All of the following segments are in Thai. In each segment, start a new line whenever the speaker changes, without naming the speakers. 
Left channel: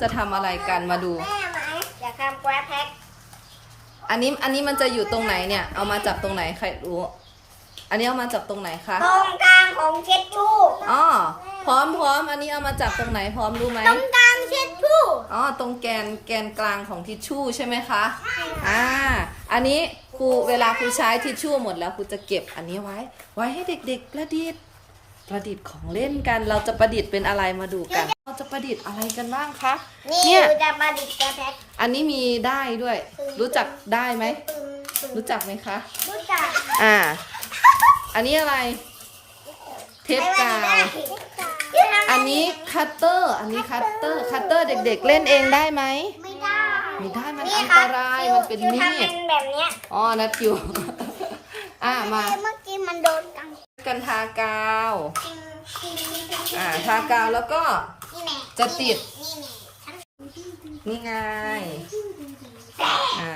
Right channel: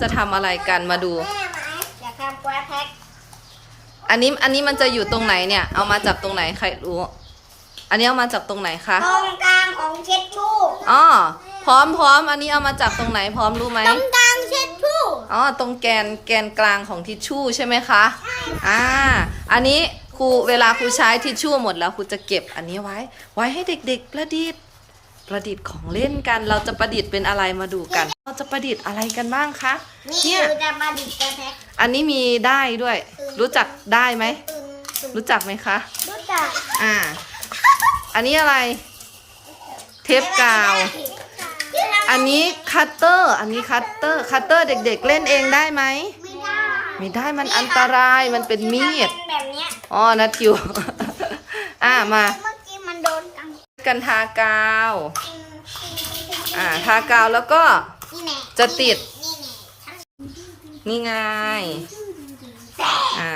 จะทำอะไรกันมาดู
แม่ไหมอยากทำกราฟแพ็ค
อันนี้อันนี้มันจะอยู่ตรงไหนเนี่ย เอามาจากตรงไหนใครรู้ อันนี้เอามาจากตรงไหนคะ
ตรงกลางของเช็ดชู่
อ๋อพร้อมพร้อมอันนี้เอามาจากตรงไหนพร้อมรู้ไหม
ตรงกลางเช็ดชู่
อ๋อตรงแกนแกนกลางของทิชชู่ใช่ไหมคะอ่าอันนี้ครูเวลาครูใช้ทิชชู่หมดแล้วครูจะเก็บอันนี้ไว้ ไว้ให้เด็กๆประดิษฐ์ ประดิษฐ์ของเล่นกัน เราจะประดิษฐ์เป็นอะไรมาดูกัน เราจะประดิษฐ์อะไรกันบ้างคะ
นี่
เนี่ย
คือจะมาดิบกราฟแพ็ค
อันนี้มีได้ด้วย รู้จักได้ไหม
ตึงตึง
รู้จักไหมคะ
รู้จัก
อ่า อันนี้อะไร เทปกาวอันนี้คัตเตอร์ อันนี้คัตเตอร์ คัตเตอร์เด็ก ๆ เล่นเองได้ไหม
ไม่ได้
ไม่ได้ มันอันตราย มันเป็นมีด
ทำแบบเนี้ย
อ๋อนัดทิวอ่า มา
เมื่อกี้มันโดน กัน
กันทากาว อ่าทากาวแล้วก็
นี่แน่
จะติด
นี่แน่
นี่ไง อ่า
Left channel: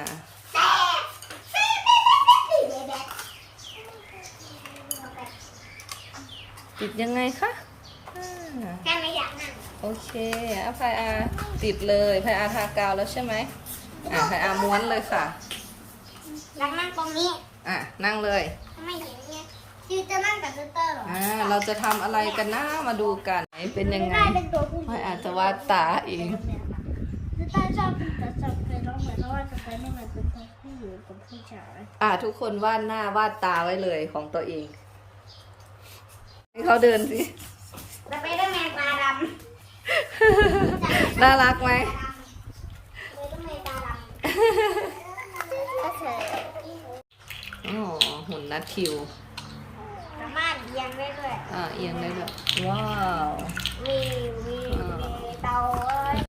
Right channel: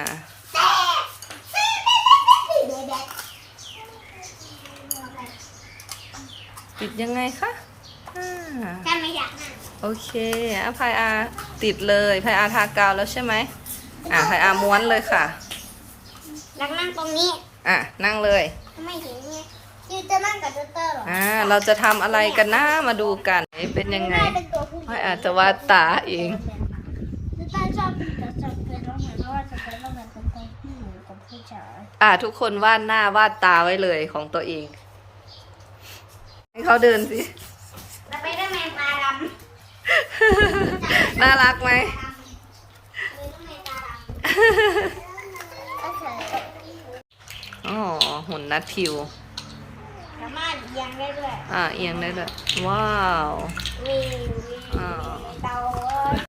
ติดยังไงคะอ่า
แค่ไม่อยากนั่ง
โอเคอะพายอาติดเลยพายอาทากาวแล้วใช่ไหมอ่าพายอาม้วนเลยค่ะ
อยากนั่งตรงนี้
อะนั่งเลย
ไม่เห็นไง คือจะนั่งกับเตอร์เหรอ
อ่าเราจะทำอะไรกันนะมาดูกันเป็นยังไง
เป็นตัวผู้หญิง
พายอาจะวาดตาเอง
คือต้าชอบจะชอบเป็นน้องเหมือนเพราะว่าจะเป็นน้องเหมือนเป็นตัวผู้หญิงกับผู้ชาย
อ่าทุกคนวาดหน้าวาดตาไว้เลยของตัวเอง ให้เขาเดินสิ
แล้วไปได้แมงตาด
น่ารักไหมำ
คือต้องแมงตาดำก็เฉย
อ๋อหุ่นนัดทิว
สามารถเอียงได้ด้วย
อ่าเอียงได้ด้วยว้าว
มีมี
อ่า
เตา